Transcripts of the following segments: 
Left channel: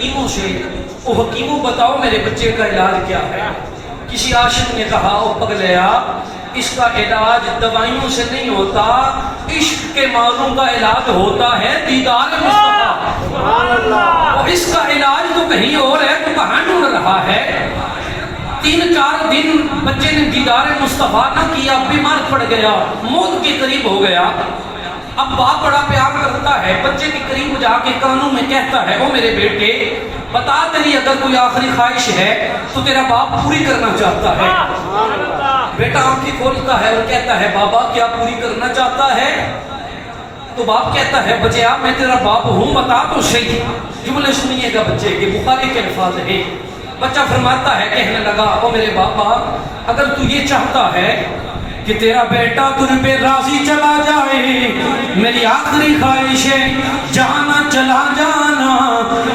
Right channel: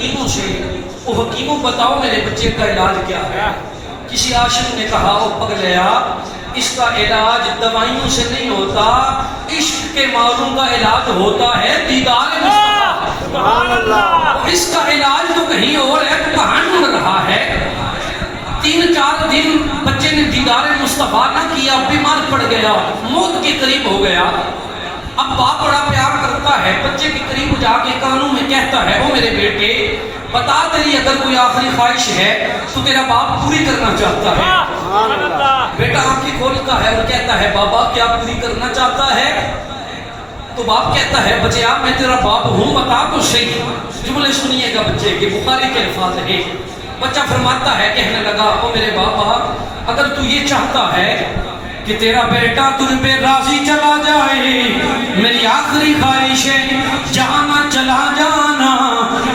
حکیموں سے، او حکیموں بتاؤ میرے بچے کا علاج کیا ہے؟ کسی عاشق نے کہا او پگلیا اس کا علاج دوائیوں سے نہیں ہوتا، عشق کے معلوم کا علاج ہوتا ہے دیدار مصطفیٰ۔ اور اس کا علاج تو کہیں اور ہے، تو کہاں ڈھونڈ رہا ہے؟ 3-4 دن بچے نے دیدار مصطفیٰ نہ کیا، بیمار پڑ گیا، موت کے قریب ہو گیا۔ اب باپ بڑا پیار کرتا ہے، بچے کے قریب جا کے کانوں میں کہتا ہے او میرے بیٹے بتا تیری اگر کوئی آخری خواہش ہے تو تیرا باپ پوری کرنا چاہتا ہے۔ بیٹا آنکھیں کھولتا ہے اور کہتا ہے بابا کیا پوری کرنا چاہتا ہے؟ تو باپ کہتا ہے بچیا میں تیرا باپ ہوں، بتا تو صحیح۔ جملے سنیے گا بچے کے، بخاری کے الفاظ ہیں۔ بچہ فرماتا ہے، کہنے لگا او میرے بابا اگر تو یہ چاہتا ہے کہ تیرا بیٹا تجھ پہ راضی چلا جائے، میری آخری خواہش ہے جانا چلا جانا،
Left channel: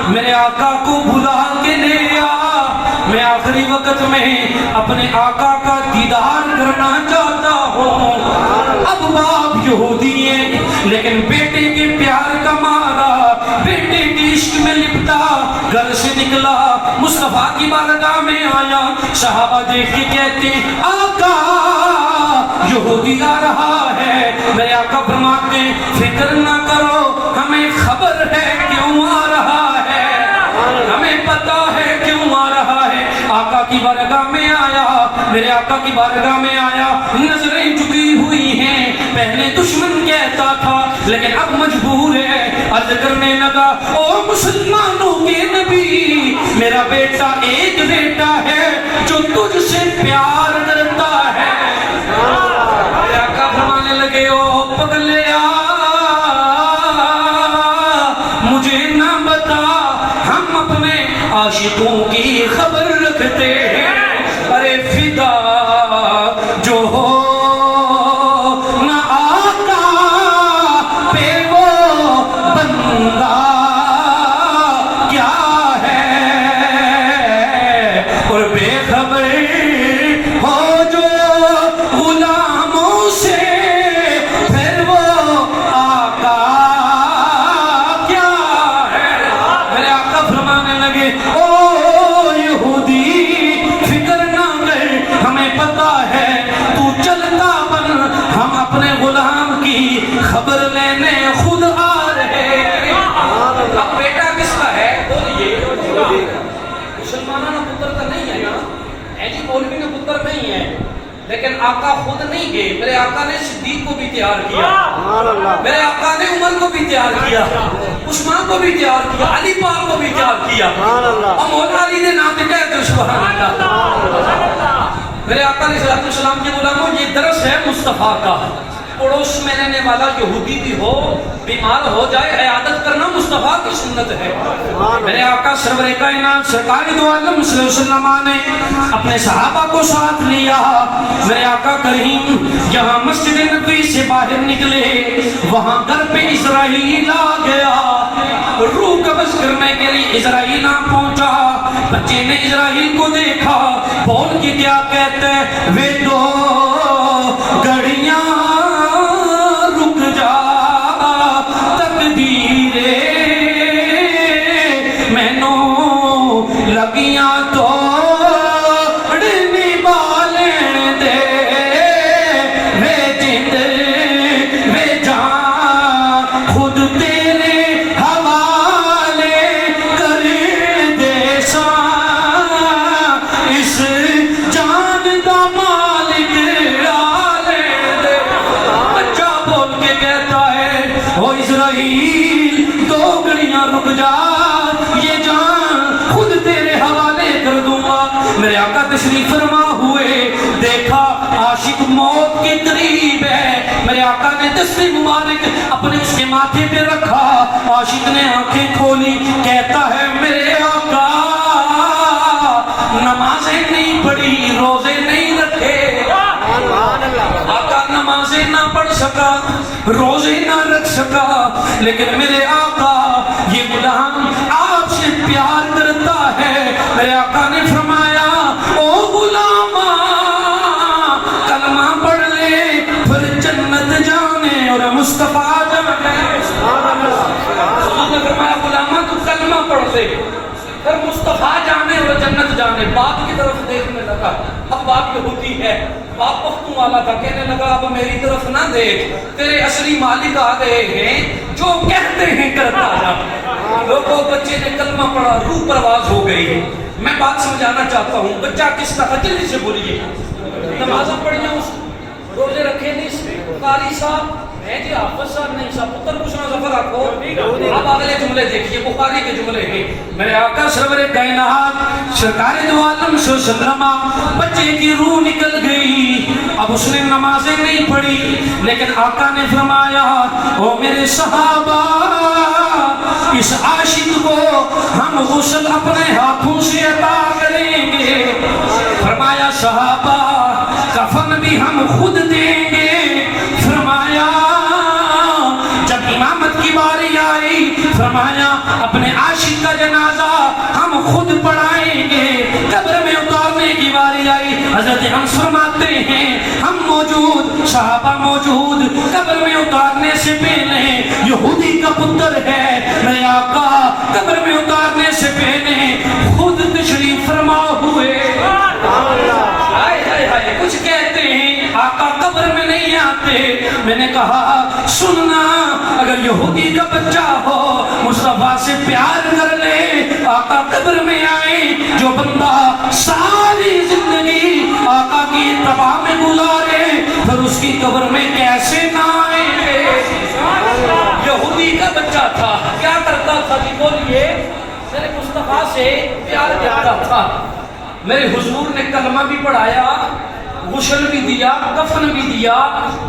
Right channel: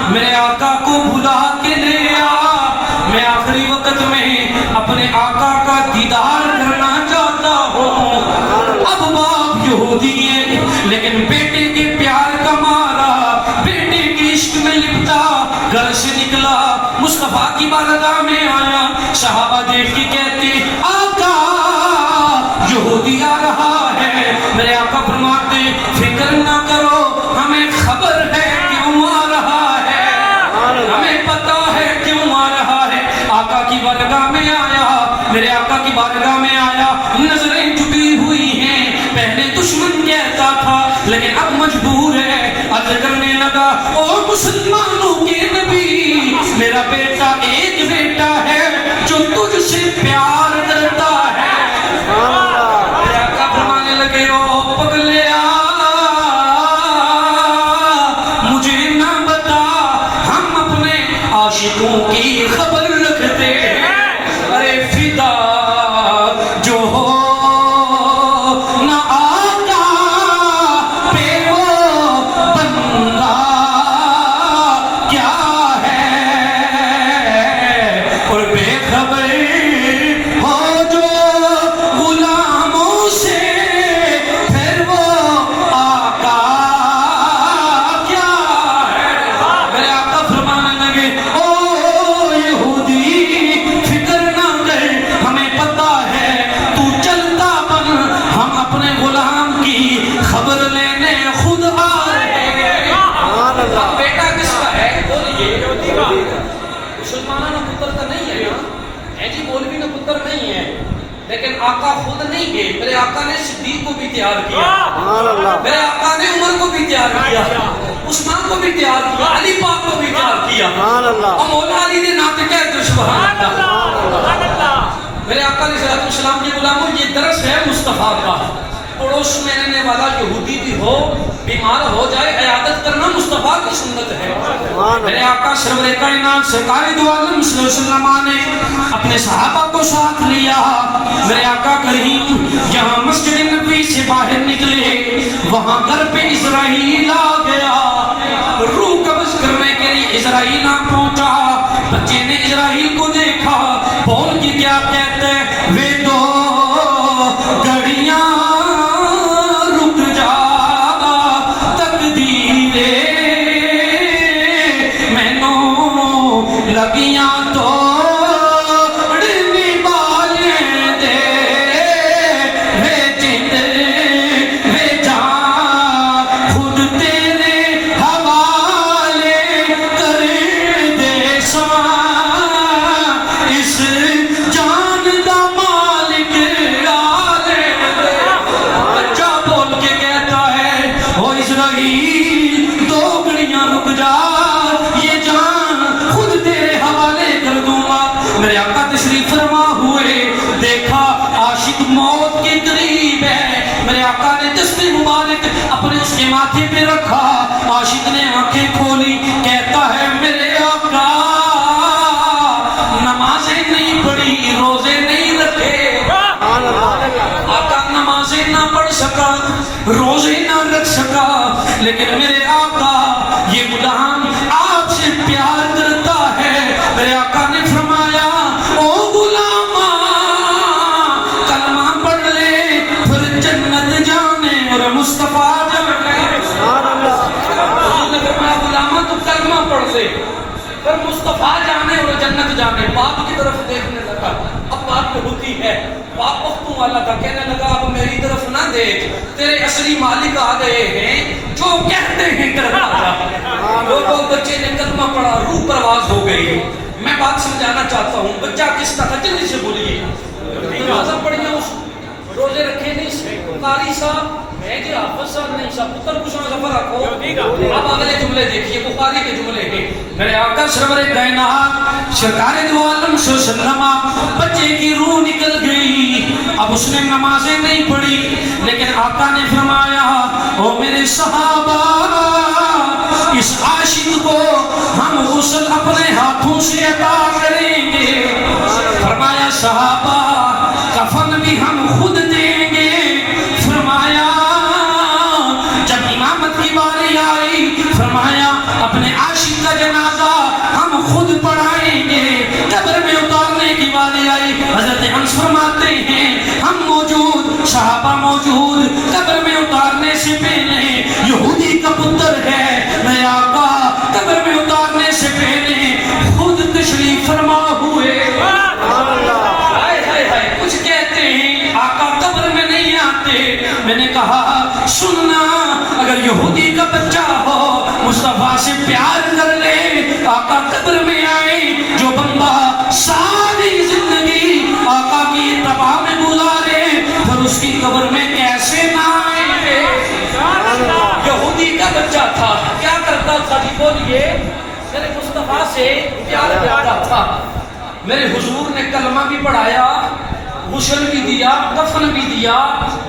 میرے آقا کو بلا کے لے آ، میں آخری وقت میں اپنے آقا کا دیدار کرنا چاہتا ہوں۔ اب باپ یہودی ہے لیکن بیٹے کے پیار کا مارا، بیٹے کے عشق میں لپٹا گھر سے نکلا، مصطفیٰ کی بارگاہ میں آیا۔ صحابہ دیکھ کے کہتے آقا یہودی آ رہا ہے۔ میرے آقا فرماتے فکر نہ کرو، ہمیں خبر ہے کیوں آ رہا ہے، ہمیں پتا ہے کیوں آ رہا ہے۔ آقا کی بارگاہ میں آیا، میرے آقا کی بارگاہ میں آیا، نظریں جھکی ہوئی ہیں، پہلے دشمن کہتا تھا لیکن اب مجبور ہے، عرض کرنے لگا او مسلمانوں کے نبی میرا بیٹا ایک بیٹا ہے جو تجھ سے پیار کرتا ہے۔ میرے آقا فرمانے لگے او پگلیا مجھے نہ بتا، ہم اپنے عاشقوں کی خبر رکھتے ہیں، ارے فدا جو ہو نہ آقا پہ وہ بندہ کیا ہے، اور بے خبر ہو جو غلاموں سے پھر وہ آقا کیا ہے۔ میرے آقا فرمانے لگے او یہودی فکر نہ کر، ہمیں پتا ہے تو چلتا بن، ہم اپنے غلام کی خبر لینے خود آ رہے ہیں۔ بیٹا کس کا ہے بولیے؟ مسلمانوں نے پتر تو نہیں ہے نا، ہے جی مولوی نے پتر نہیں ہے، لیکن آقا خود نہیں گئے، میرے آقا نے صدیق کو بھی تیار کیا، میرے آقا نے عمر کو بھی تیار کیا، عثمان کو بھی تیار کیا، علی پاک کو بھی تیار کیا، اور مولا علی نے نام کہہ تو سبحان اللہ۔ میرے آقا علیہ السلام کے غلاموں یہ درس ہے مصطفیٰ کا، پڑوس میں رہنے والا یہودی بھی ہو بیمار ہو جائے عیادت کرنا مصطفیٰ کی سنت ہے۔ میرے آقا سرور کائنات سرکار دو عالم صلی اللہ علیہ وسلم نے اپنے صحابہ کو ساتھ لیا۔ میرے آقا کریم جہاں مسجد نبوی سے باہر نکلے وہاں گھر پہ اسرائیل آ گیا، روح قبض کرنے کے لیے اسرائیل آ پہنچا۔ بچے نے اسرائیل کو دیکھا، بول کے کیا کہتے وے دو گھڑیاں رک جا تقدیرے مینوں لگیاں تو میرے آقا تشریف فرما ہوئے، دیکھا عاشق موت کے قریب ہے، میرے آقا نے دست مبارک اپنے اس کے ماتھے پہ رکھا، عاشق نے آنکھیں کھولی، کہتا ہے میرے آقا نمازیں نہیں پڑھی، روزے نہیں رکھے، آقا نمازیں نہ پڑھ سکا، روزے نہ رکھ سکا، لیکن میرے آقا یہ غلام آپ سے پیار کرتا ہے۔ میرے آقا نے فرمایا او غلاما کلمہ پڑھ لے پھر جنت جانے اور مصطفیٰ جانے۔ حضور نے فرمایا غلاما تو کلمہ پڑھ لے، پر مصطفیٰ جانے اور جنت جانے، باپ کی طرف دیکھنے لگا۔ اب باپ یہودی ہے، باپ پختوں والا تھا، کہنے لگا اب میری طرف نہ دیکھ، تیرے اصلی مالک آ گئے ہیں، جو کہتے ہیں کرتا جا۔ لوگوں بچے نے کلمہ پڑھا، روح پرواز ہو گئی ہے۔ میں بات سمجھانا چاہتا ہوں، بچہ کس طرح جلدی سے بولیے، نمازیں پڑھیاں، اس روزے رکھے نہیں، قاری صاحب ہے جی، حافظ صاحب نہیں صاحب، پتر پوچھنا سفر رکھو۔ اب اگلے جملے دیکھیے، بخاری کے جملے ہیں، میرے آقا سرور کائنات سرکار دو عالم صلی اللہ علیہ وسلم، بچے کی روح نکل گئی، اب اس نے نمازیں نہیں پڑھی، لیکن آقا نے فرمایا او میرے صحابہ، اس عاشق کو ہم غسل اپنے ہاتھوں سے عطا کریں گے۔ فرمایا صحابہ کفن بھی ہم خود دیں گے۔ فرمایا جب امامت کی باری آئی، فرمایا اپنے عاشق کا جنازہ ہم خود پڑھائیں گے۔ قبر میں اتارنے کی باری آئی، حضرت انس فرماتے ہیں ہم موجود، صحابہ موجود، قبر میں اتارنے سے پہلے یہودی کا پتر ہے میرے آقا قبر میں اتارنے سے پہلے خود تشریف فرما ہوئے۔ ہائے ہائے ہائے، کچھ کہتے ہیں آقا قبر میں نہیں آتے۔ میں نے کہا سننا، اگر یہودی کا بچہ ہو مصطفیٰ سے پیار کر لے، آقا قبر میں آئے۔ جو بندہ ساری زندگی آقا کی اتباع میں گزارے، پھر اس کی قبر میں کیسے نہ آئے؟ یہودی کا بچہ تھا، کیا کرتا تھا جی بولیے؟ میرے مصطفیٰ سے پیار کرتا تھا۔ میرے حضور نے کلمہ بھی پڑھایا، غسل بھی دیا، دفن بھی دیا،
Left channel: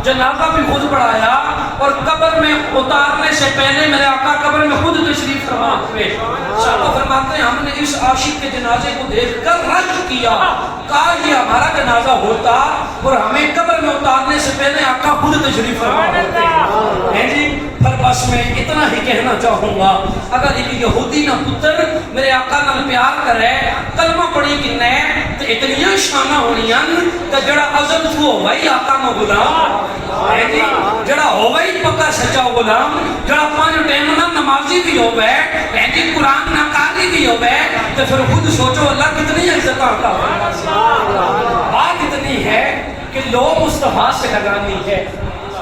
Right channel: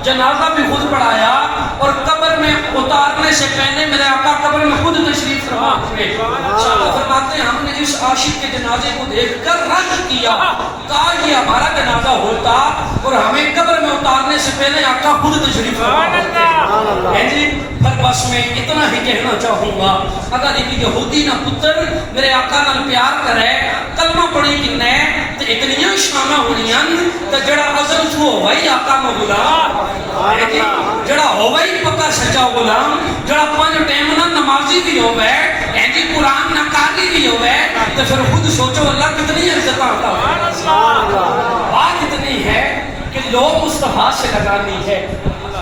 جنازہ بھی خود پڑھایا، اور قبر میں اتارنے سے پہلے میرے آقا قبر میں خود تشریف فرما ہوئے۔ صحابہ فرماتے ہیں ہم نے اس عاشق کے جنازے کو دیکھ کر رنج کیا، کہا یہ ہمارا جنازہ ہوتا اور ہمیں قبر میں اتارنے سے پہلے آقا خود تشریف فرما ہوتے ہیں جی۔ پر بس میں اتنا ہی کہنا چاہوں گا، اگر ایک یہودی نہ پتر میرے آقا نال پیار کرے، کلمہ پڑھی کنے تے اتنیاں شانہ ہونیاں تے جڑا ازل تھو بھائی آقا نو غلام ہے جی، جڑا ہوئی پکا سچا غلام، جڑا پانچ ٹائم نہ نمازی بھی ہوئے ہے جی، قرآن نہ قاری بھی ہوئے، تو پھر خود سوچو اللہ کتنی عزت کرتا ہے۔ بات اتنی ہے کہ لو مصطفیٰ سے لگانی ہے۔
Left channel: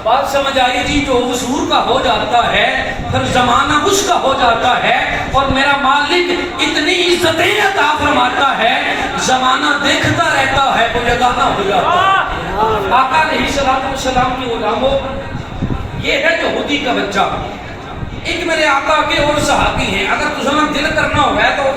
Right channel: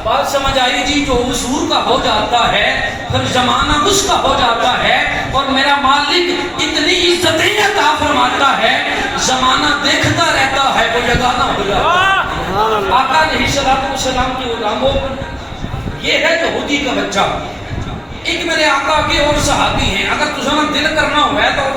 بات سمجھ آئی جی؟ جو حضور کا ہو جاتا ہے پھر زمانہ اس کا ہو جاتا ہے، اور میرا مالک اتنی عزتیں عطا فرماتا ہے، زمانہ دیکھتا رہتا ہے، وہ یگانہ ہو جاتا ہے۔ آقا علیہ السلام کی غلاموں، یہ ہے یہودی کا بچہ۔ ایک میرے آقا کے اور صحابی ہیں، اگر تجھے دل کرنا ہوا ہے تو